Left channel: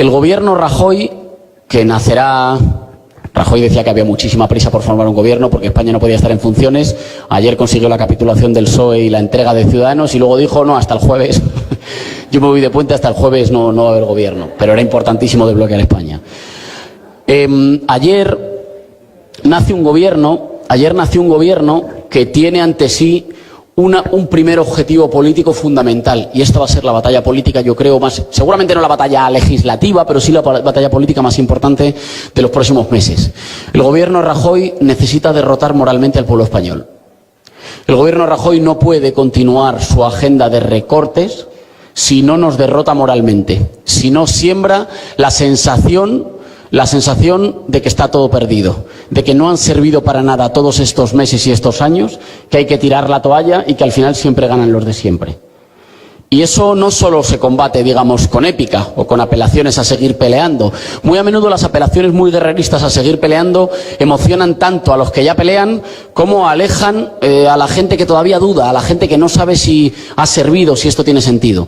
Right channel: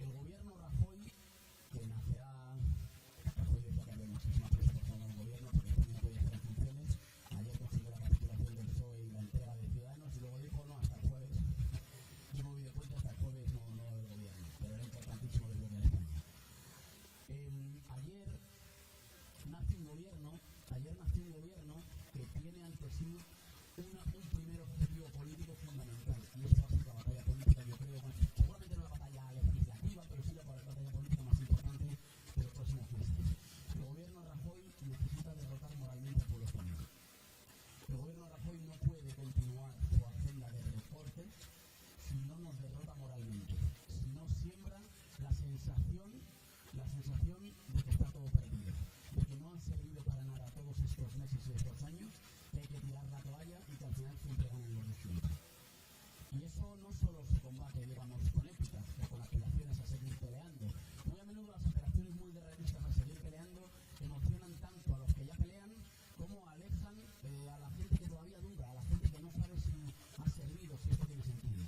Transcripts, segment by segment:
El gobierno Rajoy, que nacerá... Rajoy decía que había muchísima prisa por formar un gobierno porque España no podía estar en funciones. Ayer consiguió la capitulación del PSOE y la entrega de Ciudadanos y luego dijo, no, hasta el jueves. Yo me voy de puente, hasta el jueves no va a haber gobierno. Pero era importantísimo desbloquear España. Ayer nació un gobierno que tiene ante sí un primer objetivo político fundamental, y esta va a ser la batalla política, yo creo, seguramente no la batalla legislativa, pero sí la batalla política más importante de los próximos meses. El gobierno Rajoy necesita derrotar moralmente al pueblo español. El gobierno Rajoy no puede continuar su agenda de recortes si no nos derrota moralmente, si no siembra la sensación de que está todo perdido, de que no han servido para nada todos estos meses y estos años, que hay que tirar la toalla y que al final siempre ganan los de siempre. Y eso no solo se combate, digamos, con épica o con apelaciones a seguir peleando. Muy a menudo las apelaciones muy guerreristas a seguir peleando emocionan tanto a los que ya pelean como alejan a la gente que todavía duda, a la gente que no sabe si ha servido, si esto tiene sentido.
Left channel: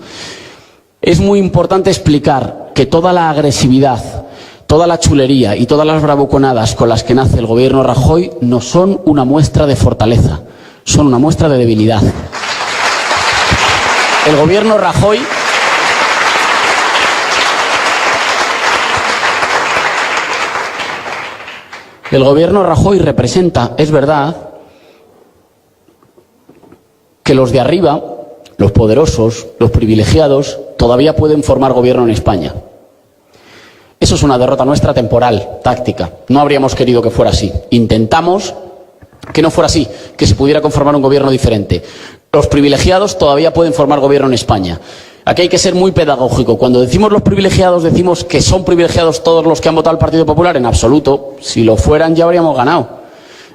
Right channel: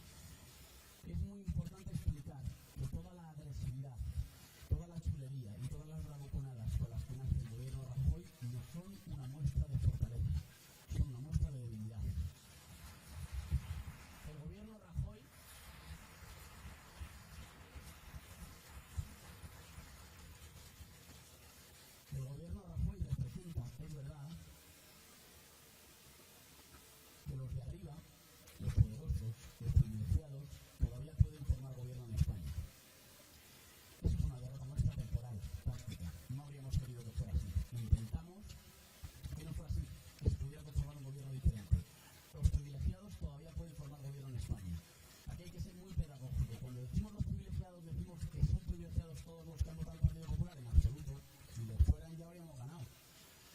Es muy importante explicar que toda la agresividad, toda la chulería y todas las bravuconadas con las que nace el gobierno Rajoy no son una muestra de fortaleza, son una muestra de debilidad. El gobierno Rajoy representa, es verdad, que los de arriba, los poderosos, los privilegiados, todavía pueden formar gobierno en España. Eso es una derrota nuestra temporal, táctica. No habríamos querido que fuera así. Intentamos que no fuera así, que se pudiera conformar un gobierno diferente. Los privilegiados todavía pueden formar gobierno en España. Aquí hay que ser muy pedagógico. Cuando decimos los privilegiados, decimos que son privilegiados todos los que han votado al Partido Popular. En absoluto. Si lo fueran, ya habríamos ganado.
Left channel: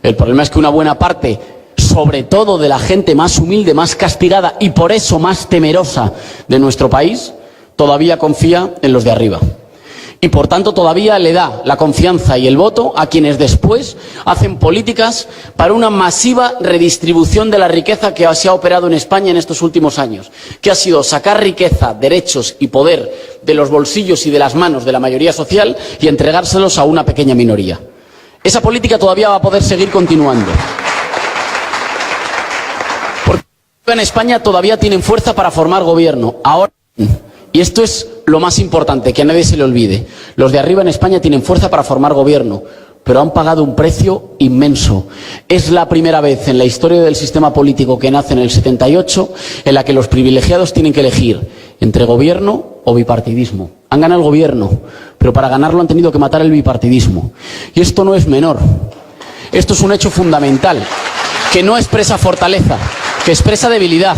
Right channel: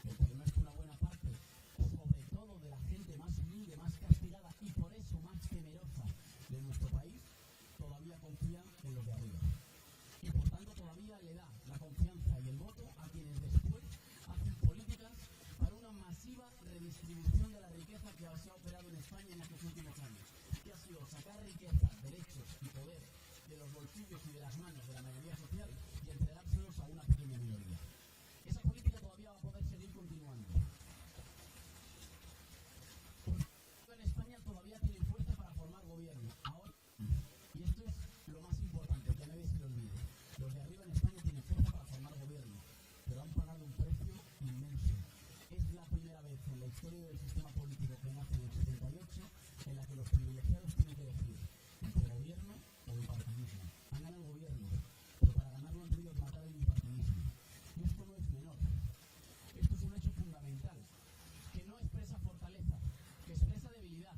El problema es que una buena parte, sobre todo de la gente más humilde, más castigada y por eso más temerosa de nuestro país, todavía confía en los de arriba. Y por tanto todavía le da la confianza y el voto a quienes después hacen políticas para una masiva redistribución de la riqueza que se ha operado en España en estos últimos años, que ha sido sacar riqueza, derechos y poder de los bolsillos y de las manos de la mayoría social y entregárselos a una pequeña minoría. Esa política todavía va a poder seguir continuando. Porque en España todavía tienen fuerza para formar gobierno. Ahora... Y esto es lo más importante, que a nadie se le olvide. Los de arriba en España tienen fuerza para formar gobierno, pero han pagado un precio inmenso. Es la primera vez en la historia del sistema político que nace en el 78 en la que los privilegiados tienen que elegir entre gobierno o bipartidismo. Han ganado el gobierno, pero para ganarlo han tenido que matar el bipartidismo. Y esto no es menor. Esto es un hecho fundamental, que no expresa fortaleza, que expresa debilidad.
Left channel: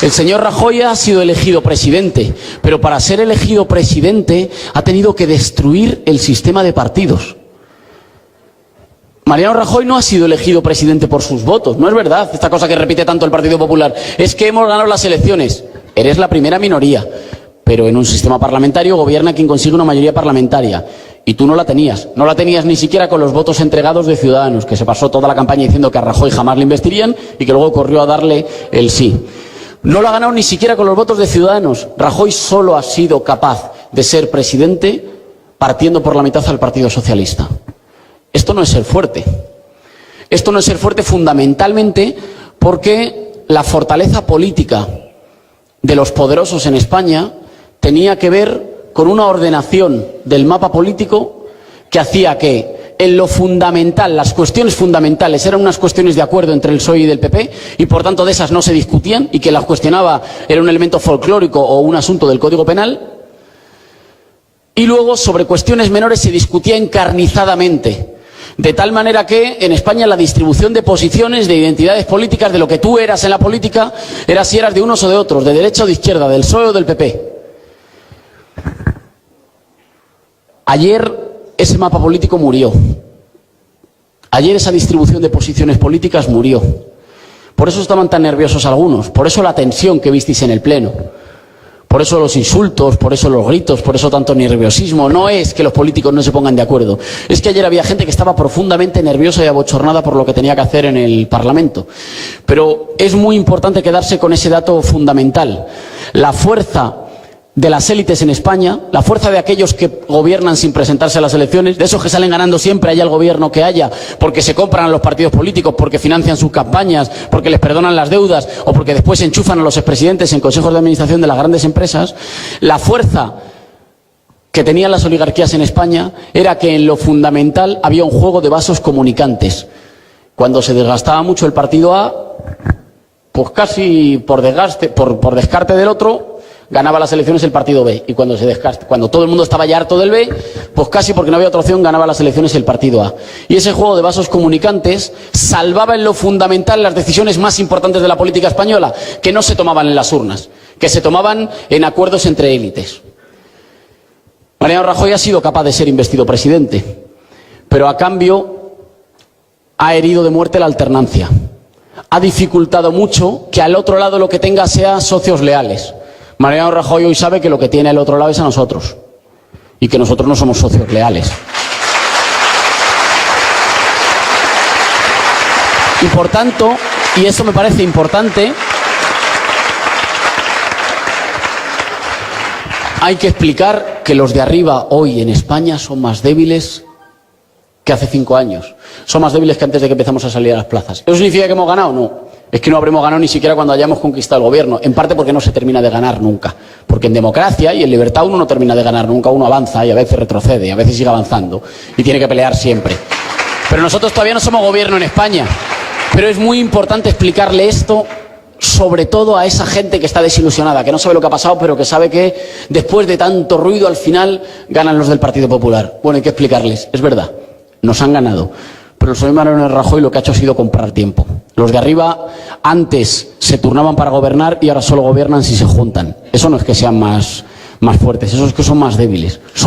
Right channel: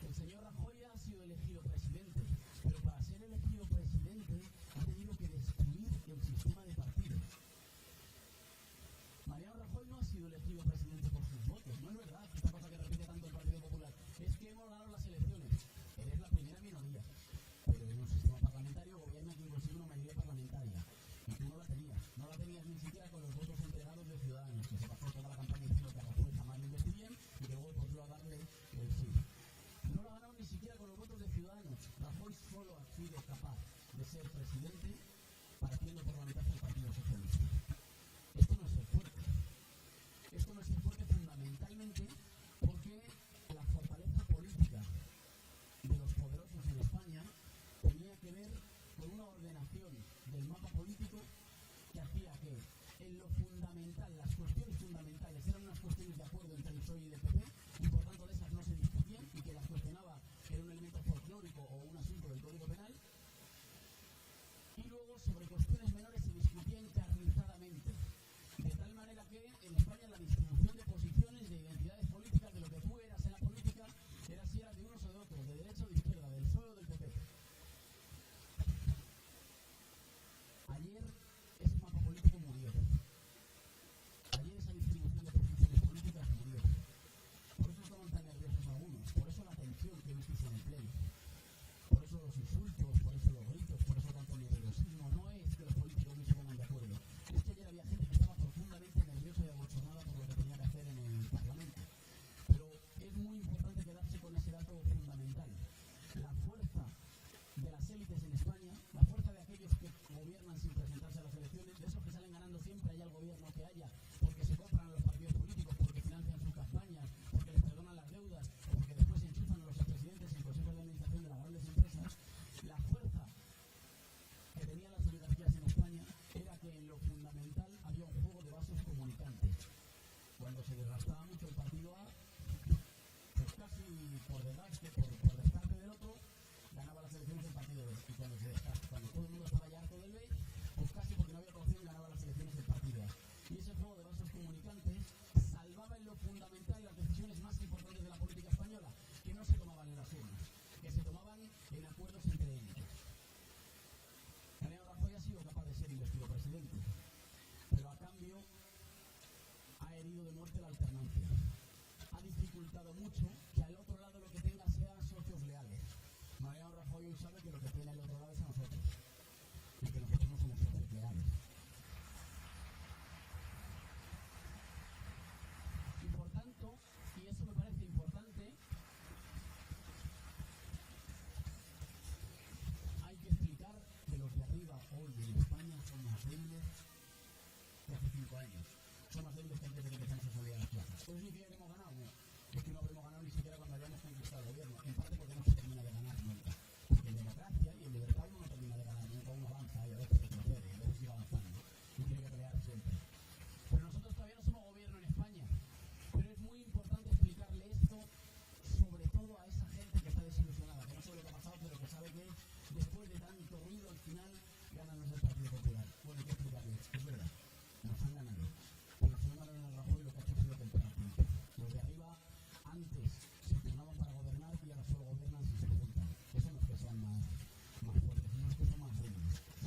El señor Rajoy ha sido elegido presidente, pero para ser elegido presidente ha tenido que destruir el sistema de partidos. Mariano Rajoy no ha sido elegido presidente por sus votos, no es verdad esta cosa que repite tanto el Partido Popular. Es que hemos ganado las elecciones. Eres la primera minoría, pero en un sistema parlamentario gobierna quien consigue una mayoría parlamentaria. Y tú no la tenías ni siquiera con los votos entregados de Ciudadanos, que se pasó toda la campaña diciendo que a Rajoy jamás le investirían y que luego corrió a darle el sí. No lo ha ganado ni siquiera con los votos de Ciudadanos. Rajoy solo ha sido capaz de ser presidente partiendo por la mitad al Partido Socialista. Esto no es ser fuerte. Esto no es ser fuerte fundamentalmente porque la fortaleza política de los poderosos en España tenía que ver con una ordenación del mapa político que hacía que en lo fundamental, las cuestiones fundamentales eran unas cuestiones de acuerdo entre el PSOE y del PP y por tanto de esas no se discutían y que las cuestionaba era un elemento folclórico o un asunto del Código Penal, y luego sobre cuestiones menores se discutía encarnizadamente, de tal manera que en España la distribución de posiciones, de identidades políticas, de lo que tú eras en la política, era si eras de unos o de otros, de derecha o de izquierda, del PSOE o del PP. Ayer ese mapa político murió. Ayer esa distribución de posiciones políticas murió. Por eso estaban tan nerviosos algunos, por eso la tensión que visteis en el Pleno, por eso los insultos, por eso los gritos, por eso tanto nerviosismo. No es que los políticos no se pongan de acuerdo, es que ayer había gente que estaba profundamente nerviosa y abochornada por lo que tenía que hacer en el Parlamento. Pero es muy importante quedarse con ese dato fundamental. La fuerza de las élites en España, la fuerza de aquellos que gobiernan sin presentarse a las elecciones, de esos que salen ganando siempre haya el gobierno que haya, porque se compran a los partidos políticos, porque financian sus campañas, porque les perdonan las deudas o porque después enchufan a los expresidentes en consejos de administración de las grandes empresas, la fuerza que tenían las oligarquías en España era que en lo fundamental había un juego de vasos comunicantes. Cuando se desgastaba mucho el partido A, pues casi por descarte del otro, ganaba las elecciones el partido B. Y cuando todo el mundo estaba ya harto del B, pues casi porque no había otra opción, ganaba las elecciones el partido A. Y ese juego de vasos comunicantes salvaba en lo fundamental las decisiones más importantes de la política española, que no se tomaban en las urnas, que se tomaban en acuerdos entre élites. Mariano Rajoy ha sido capaz de ser investido presidente, pero a cambio ha herido de muerte la alternancia. Ha dificultado mucho que al otro lado lo que tenga sea socios leales. Mariano Rajoy hoy sabe que lo que tiene al otro lado es a nosotros y que nosotros no somos socios leales. Y por tanto, y eso me parece importante, hay que explicar que los de arriba hoy en España son más débiles que hace 5 años. Son más débiles que antes de que empezamos a salir a las plazas. ¿Eso significa que hemos ganado? No. Es que no habremos ganado ni siquiera cuando hayamos conquistado el gobierno. En parte porque no se termina de ganar nunca. Porque en democracia y en libertad uno no termina de ganar nunca. Uno avanza y a veces retrocede, y a veces sigue avanzando. Y tiene que pelear siempre. Pero nosotros todavía no somos gobierno en España. Pero es muy importante explicarle esto, sobre todo a esa gente que está desilusionada, que no sabe lo que ha pasado, pero que sabe que después de tanto ruido al final ganan los del Partido Popular. Bueno, hay que explicarles. Es verdad, nos han ganado. Pero el señor Mariano Rajoy lo que ha hecho ha sido comprar tiempo. Los de arriba antes se turnaban para gobernar y ahora solo gobiernan si se juntan. Eso no es que sean más fuertes, eso es que son más débiles.